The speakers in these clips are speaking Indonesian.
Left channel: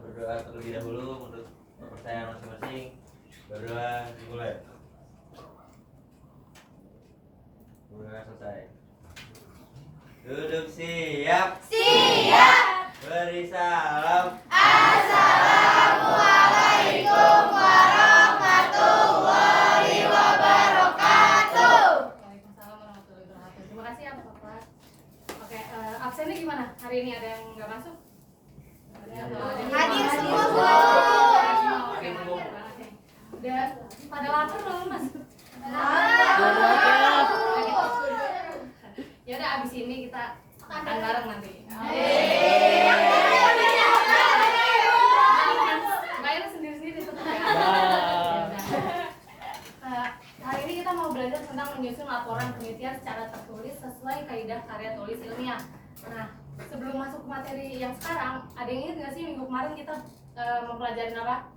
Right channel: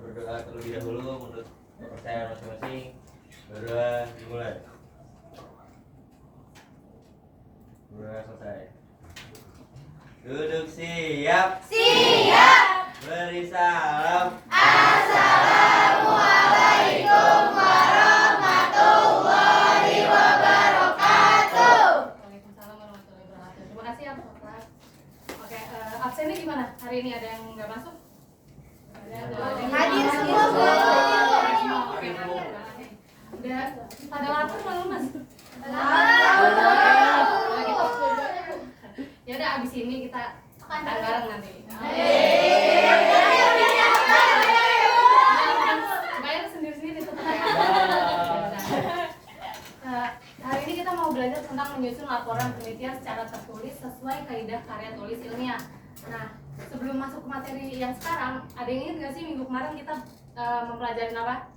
berdoa terlebih dahulu menurut kepercayaan masing-masing. Berdoa dimulai. Berdoa selesai. Duduk siap. Siap. Beri salam. Assalamualaikum warahmatullahi wabarakatuh. Waalaikumsalam warahmatullahi wabarakatuh. Terima kasih ya Bapak. Oke, absennya gimana? Hari ini ada yang nggak masuk? Hadir semua, Bu. Oke, udah pada lapar belum Mas? Ya udah abis ini kita makan bareng nanti. Bayar sendiri-sendiri tuh. Hari ini kita mau belajar tentang menyusun laporan penelitian secara tertulis sesuai kaidah karya tulis ilmiah. Nah, sebelum masuk ke materi yang sekarang, ada yang ingat nggak sih minggu kemarin kita mempelajari apa?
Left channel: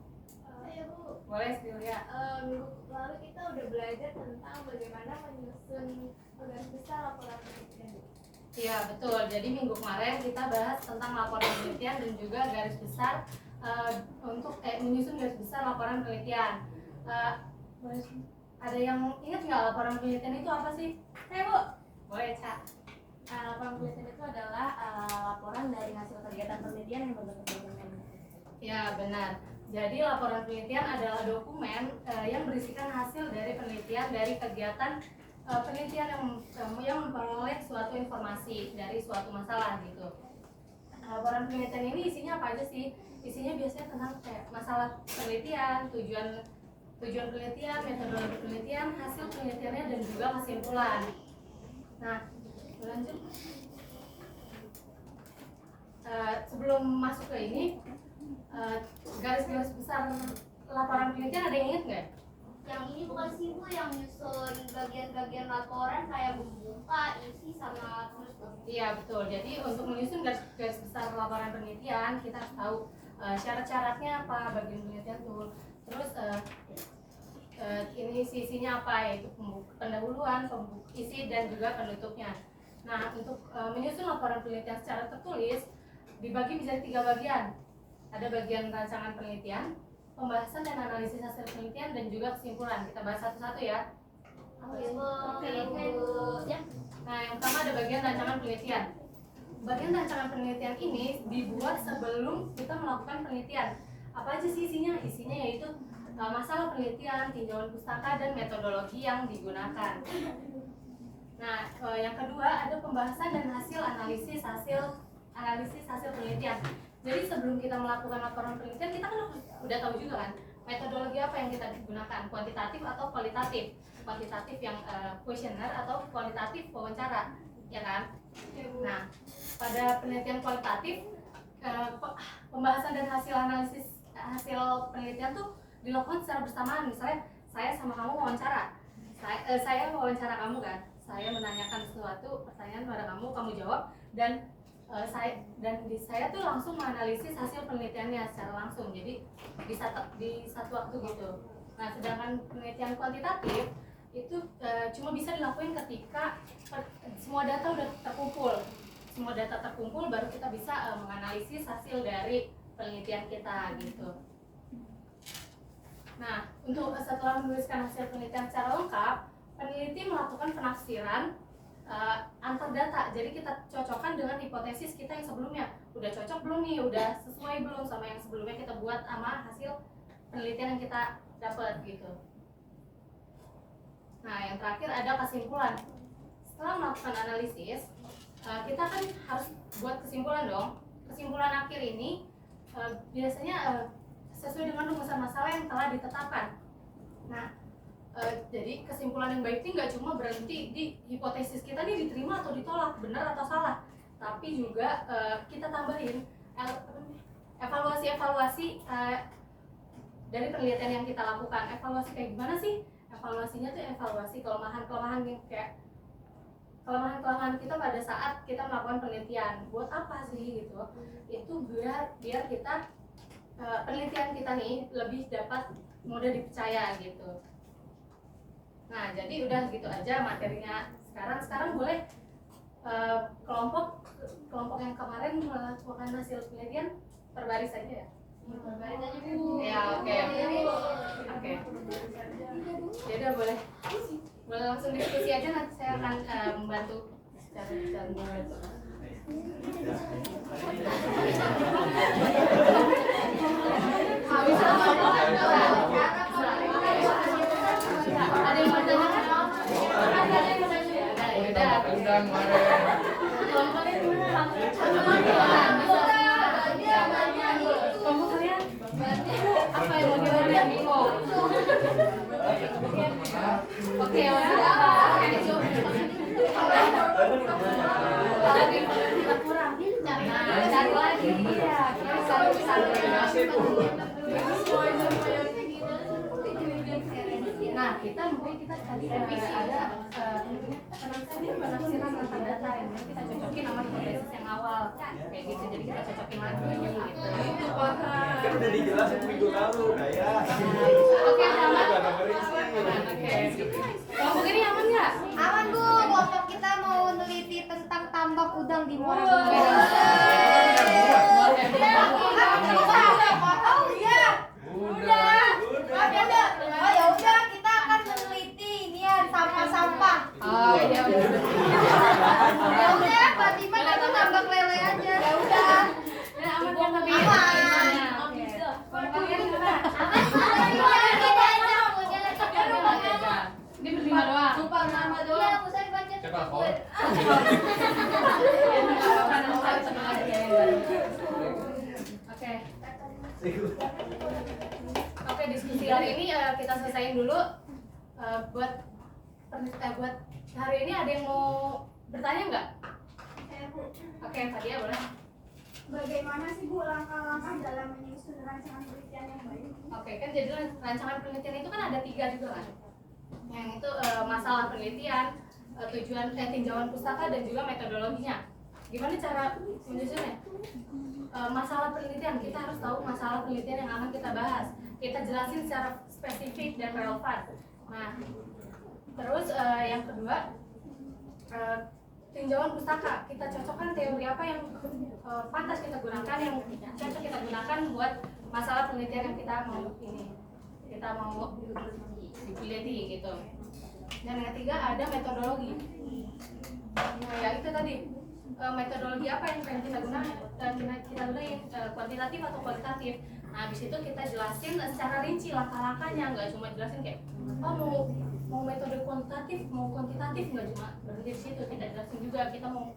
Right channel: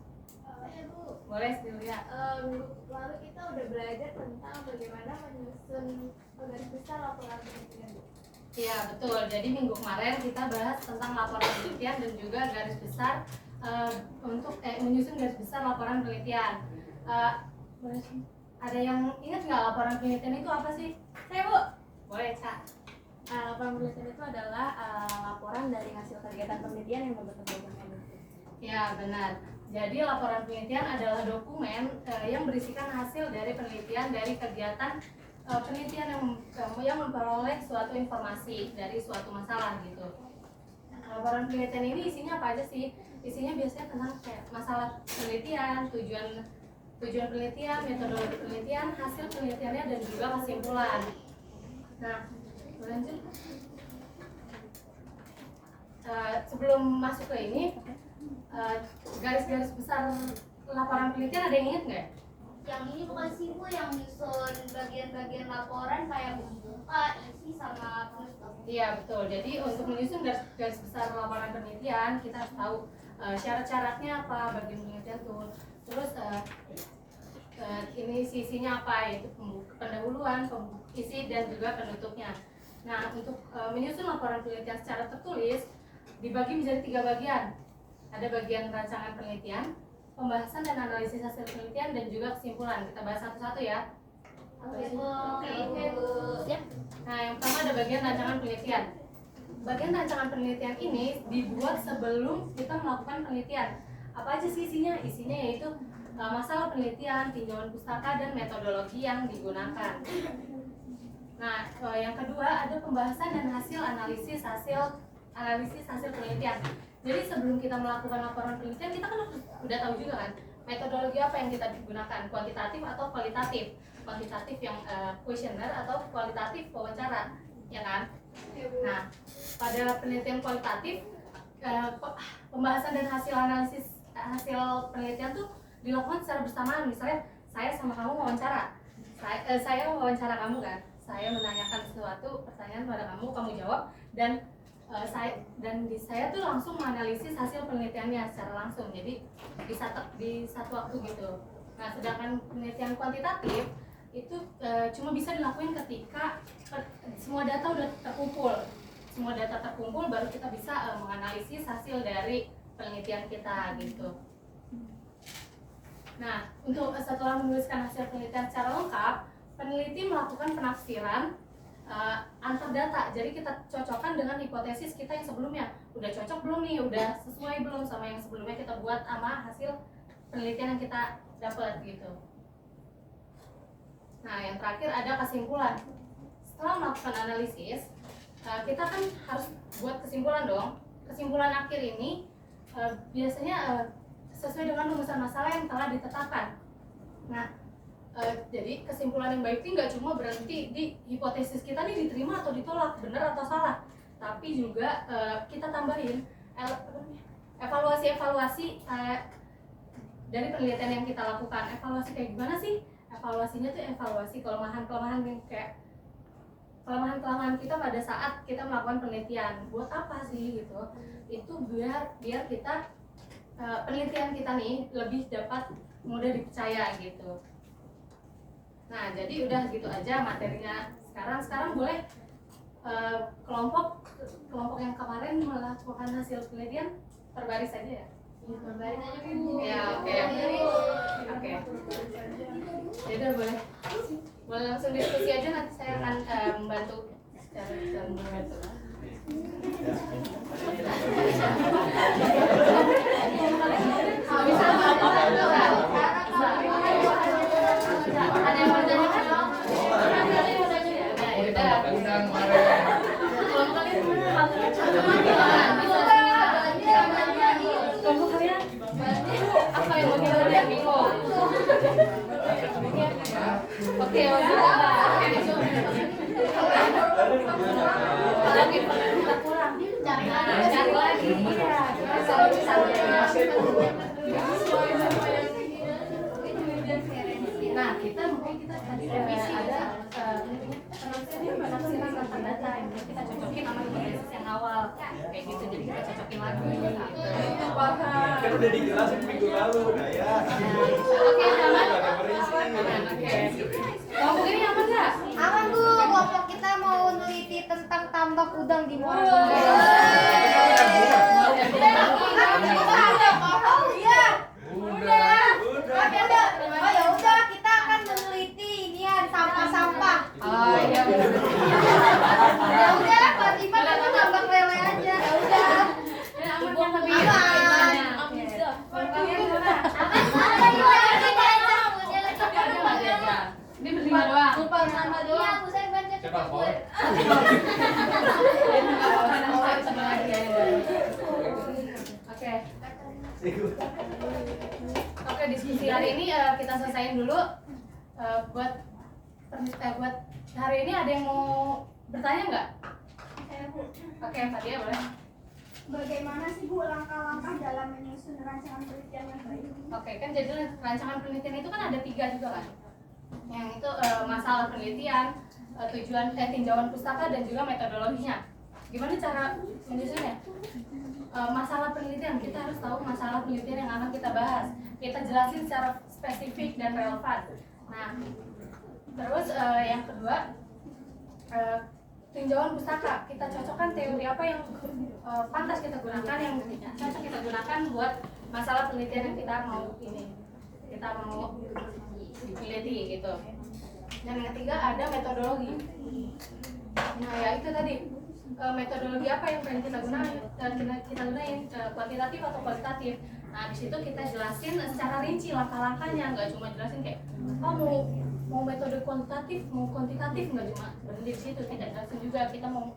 Ya Bu, Boleh dulu ya. minggu lalu kita udah belajar tentang bagaimana menyusun garis besar laporan penelitian, Bu. Iya betul. Jadi minggu kemarin kita bahas tentang laporan penelitian dan juga garis besar untuk menyusun garis besar laporan penelitian. Ada yang ingat nggak laporan penelitian itu apa sih? Saya, Bu. Boleh Ca. Laporan penelitian itu adalah laporan dari hasil kegiatan penelitian yang berbentuk dokumen. Ya benar. Jadi laporan penelitian adalah dokumen yang berisikan hasil dari penelitian dari kegiatan penelitian yang memperoleh suatu informasi dari suatu masalah gitu. Laporan penelitian ini isinya apa aja sih? Isinya biasanya tentang kayak masalah penelitian, tujuan penelitian, metodologi penelitian, hasil penelitiannya dan juga kesimpulan. Nah, lanjut. Sebelum masuk ke ini, garis-garis besar laporan penelitian ada yang ingat nggak? Yang ini bukan sih, Bu, yang nyusun bagian-bagian laporan kayak buka, isi, sama penutup. Iya betul. Jadi untuk menyusun garis besar laporan penelitian kita harus tahu syarat-syaratnya apa, bagian penelitian tuh. Terus ini sisinya apa, yaitu pendahuluan, isi dan juga penutupnya. Nah untuk menyusun laporan penelitian secara tertulis dibagi menjadi 3 bagian. Ada bagian rancangan penelitian, pembahasan dan analisis hasil penelitian dan juga kesimpulan. Kita bahas satu-satu ya. Oke, Bu. Ya. Nah, yang pertama ada bagian rancangan penelitian. Bagian rancangan penelitian ini dibuat sebelum kita melakukan penelitian. Apa aja sih isinya? Isinya yaitu masalah penelitian, tinjauan pustaka, dan metodologi yang digunakan. Nah, yang kedua ada pembahasan dan analisis hasil penelitian. Jadi sebelum kita melakukan laporan penelitian, kita kan udah tahu juga kan metodologi apa yang kita gunakan, kuantitatif atau kualitatif. Kuantitatif yang kuesioner atau kualitatif wawancara, ya kan? Nah, pada penelitian kualitatif, pembahasan dan hasil penelitian tuh dilakukan secara bersamaan. Misalnya saya sama kamu wawancara, saya wawancara kamu kan, saya menanyakan suatu pertanyaan pada kamu jawab, dan saya tuh langsung menganalisis hasil penelitiannya secara langsung. Jadi di satu waktu gitu. Nah, sedangkan penelitian kuantitatif itu cuma bisa dilakukan ketika semua data udah terkumpul. Semua data terkumpul baru kita bisa menganalisis hasil dari penelitian kita gitu. Nah, untuk setelah menuliskan hasil penelitian secara lengkap, peneliti melakukan penafsiran antar data. Jadi kita cocokkan dengan hipotesis kita yang sebelumnya. Udah cocok belum nih? Udah sesuai belum sama yang sebelumnya kita buat sama hasil penelitian yang kita dapat gitu. Nah, yang terakhir ada kesimpulan. Setelah melakukan analisis, kita kan harus buat kesimpulan dong. Kesimpulan akhir ini biasanya sesuai dengan rumusan masalah yang telah ditetapkan. Nah, jadi kesimpulan yang baik ini nggak cuma berhenti di hipotesis kita nih diterima atau ditolak, benar atau salah, tapi juga kita tambahin evaluasi dari penelitian yang kita lakukan. Evaluasi kayak gimana sih? Evaluasinya tuh evaluasi kelemahan-kelemahan yang kayak kelemahan-kelemahan kita pada saat kita melakukan penelitian. Buat apa sih gitu? Itu biar kita penelitian kita nih lebih dapat mudah dipercaya gitu. Nah, jadi udah gitu aja materinya. Sekarang boleh kelompok yang kemarin melakukan hasil penelitian terbaris aja ya. Berbaring aja Bu. Ya, oke. Oke. Jadi boleh langsung diskusi aja, nanti saya akan membantu secara membantu. Ada yang mau ditanyakan? Ada yang mau ditanyakan? Ya udah. Kelompok kalian dulu, kelompok kalian apa yang mau yang bingung? Oke, kalau kita kurang, cari lagi. Iya, kita cari. Nah, mungkin kita tadi ada penafsiran tentang data yang kita cocokin sama hipotesis yang awal kayak gitu, jadi kita cocokin lagi gitu. Kan udah dijelasin minggu lalu ya. Oke, aman. Oke. Kelompok ini aman nggak? Aman Bu, kelompok kita mau meneliti tentang tambak udang di Muara Oh, Gembong. Oh iya. Udah. Oh ya udah, kita akan meneliti inian sampah-sampah. Oh iya. Ya udah, Fatima nanti tambak lele aja. Ya udah. Ya aman kan tapi. Aman. Oke. Kalian gimana? Ini berlima doang. Numpang nama doang. Iya, saya baca Coba, gue. Oke. Oke, diskusi hari ini kita selesaiin dulu. Buat hari ini ada yang mau bertanya nggak? Oke, Fadia boleh. Bagaimana sih Bu langkah-langkah dalam menyusun rancangan penelitian yang baik? Oke, kan jadi rancangan penelitian itu kan ada 3 juga kan? Yang itu masalah penelitian, tinjauan pustaka dan juga metodologinya. Gimana cara menyusunnya? Masalah penelitian, kita harus tahu masalah penelitian yang akan kita bahas. Kita jelasin secara spesifik dan relevan. Nah, terus yang kedua, tinjauan pustaka. Kita cocokkan teori apa yang pantas kita gunakan, yang cocok kita gunakan buat masalah penelitian yang kita mau diteliti gitu. Dan yang ketiga ada metodologi. Nah ya itu tadi, metodologi apa yang pengen kita gunain, kuantitatif atau kualitatif. Nah di situ kita jelasin secara rinci langkah-langkahnya, nggak cuma jelasin kayak mau metode kuantitatif, mau kuantitatif, nggak cuma berhenti di situ, kita jelasin juga kita mau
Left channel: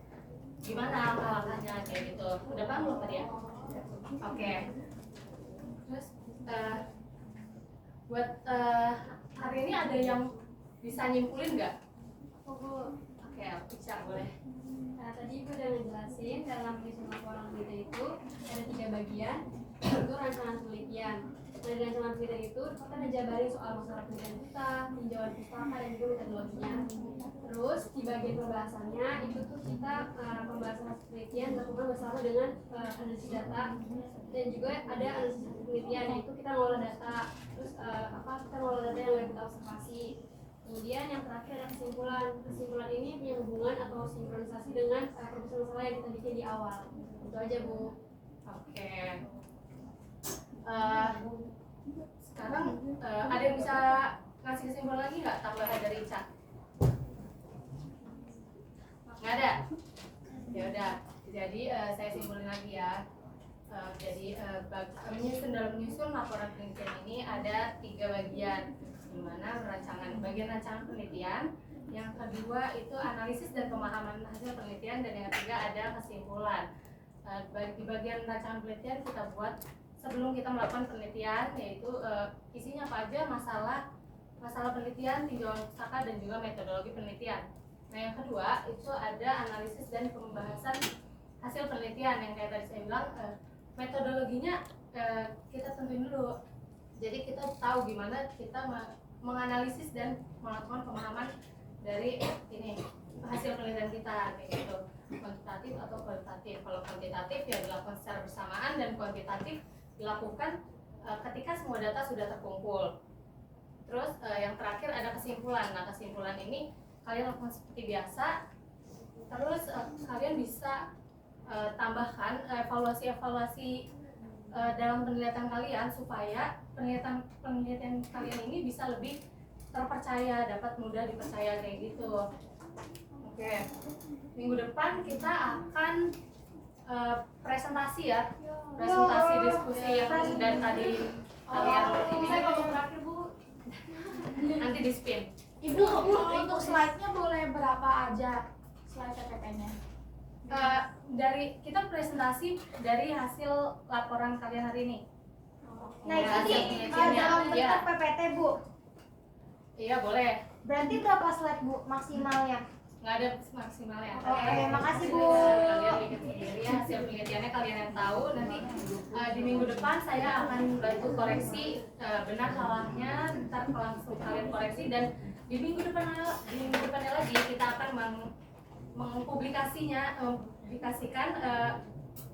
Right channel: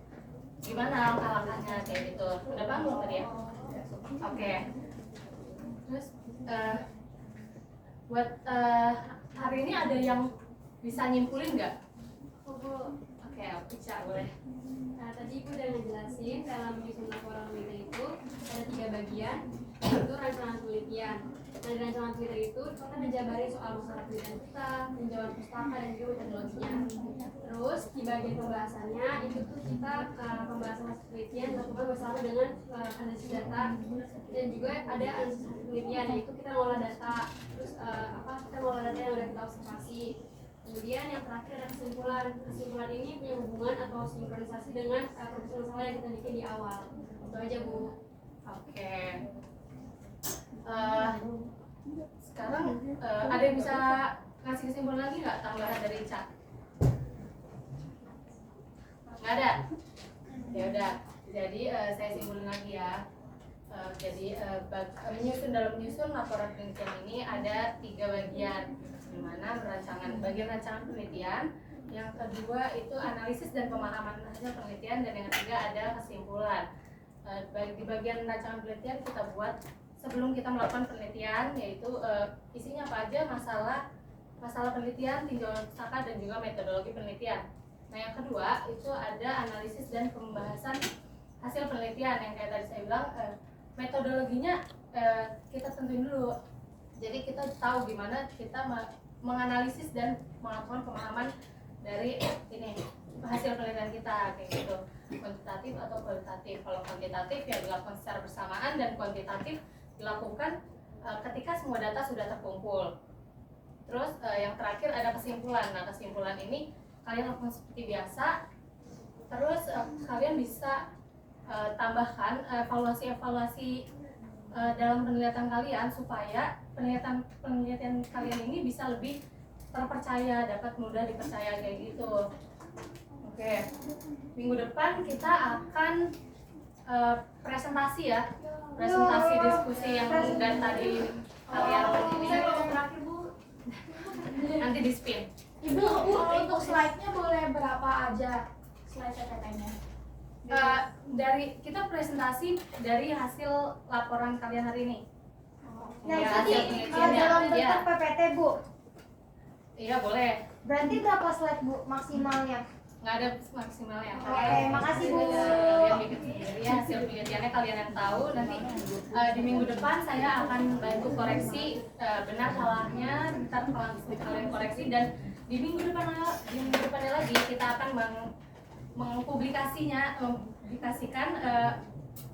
gimana langkah-langkahnya kayak gitu. Udah paham belum tadi ya? Oke. Terus buat hari ini ada yang bisa nyimpulin nggak? Oke, Ica boleh. Tadi Ibu udah ngejelasin dalam menyusun laporan penelitian itu ada 3 bagian, yaitu rancangan penelitian. Nah, di rancangan penelitian itu kita ngejabarin soal masalah penelitian kita, tinjauan pustaka dan juga metodologinya. Terus di bagian pembahasannya itu tuh kita pembahasan penelitian dilakukan bersama dengan analisis data, dan juga ada analisis penelitian, yaitu kita ngolah data. Terus kita ngolah data yang udah kita observasi. Kemudian yang terakhir ada kesimpulan. Kesimpulan ini punya hubungan atau sinkronisasi dengan proposal masalah yang kita bikin di awal. Itu aja Bu. Oke. Sekarang ada yang bisa ngasih kesimpulan lagi nggak tambahan dari Ica? Nggak ada. Ya udah. Jadi saya simpulin lagi ya. Menyusun laporan penelitian ini ada 3 bagian, di mana bagian rancangan penelitian, yang kedua itu analisis dan pemahaman hasil penelitian, dan yang ketiga ada kesimpulan. Di bagian rancangan penelitian kita buat sebelum kita melakukan penelitian, yaitu isinya apa aja, masalah penelitian, tinjauan pustaka, dan juga metodologi penelitian. Nah yang kedua itu ada analisis dan pembahasan hasil penelitian, yang kayak tadi saya bilang, metodologinya kita tentuin dulu. Jadi kita tahu gimana kita menganalisis dan melakukan pemahaman dari hasil penelitian kita kayak gitu, kuantitatif atau kualitatif. Kalau kuantitatif ya dilakukan secara bersamaan, dan kuantitatif dilakukan ketika semua data sudah terkumpul. Terus yang terakhir ada kesimpulan. Nah kesimpulan ini kalian lakukan seperti biasa. Terus kalian bisa tambahkan evaluasi dalam penelitian kalian supaya penelitian kalian ini bisa lebih terpercaya, dapat mudah dipercaya kayak gitu. Oke, minggu depan kita akan presentasi ya, presentasi diskusi yang dari tadi kalian ini. Saya ngomong terakhir Bu. Nanti di spin. Ibu, untuk slide-nya boleh berapa aja slide PPT-nya? Dari kita presentasi dari hasil laporan kalian hari ini. Nah, Ya, itu hasil di penelitiannya. dalam bentuk Iya. PPT Bu. Iya boleh. Berarti berapa slide Bu maksimalnya? Nggak ada maksimalnya. Oke, makasih, Bu. Kalian bikin sendiri ya, hasil penelitiannya kalian yang tahu. Nanti di minggu depan saya akan bantu koreksi benar salahnya, ntar langsung kalian koreksi, dan di minggu depannya lagi kita akan publikasikan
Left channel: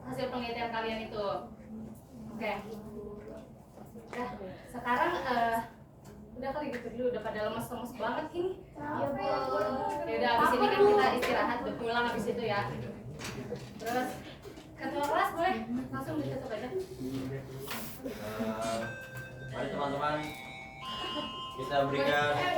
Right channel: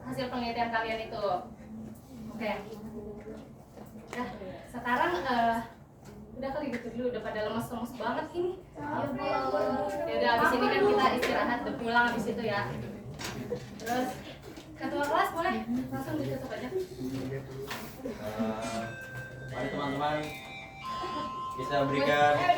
hasil penelitian kalian itu. Oke. Nah, sekarang udah kali gitu dulu, udah pada lemes-lemes banget ini. Ya udah, abis ini kan kita istirahat, udah pulang abis itu ya. Terus ketua kelas boleh langsung ditutup aja. Mari teman-teman kita berikan Ya.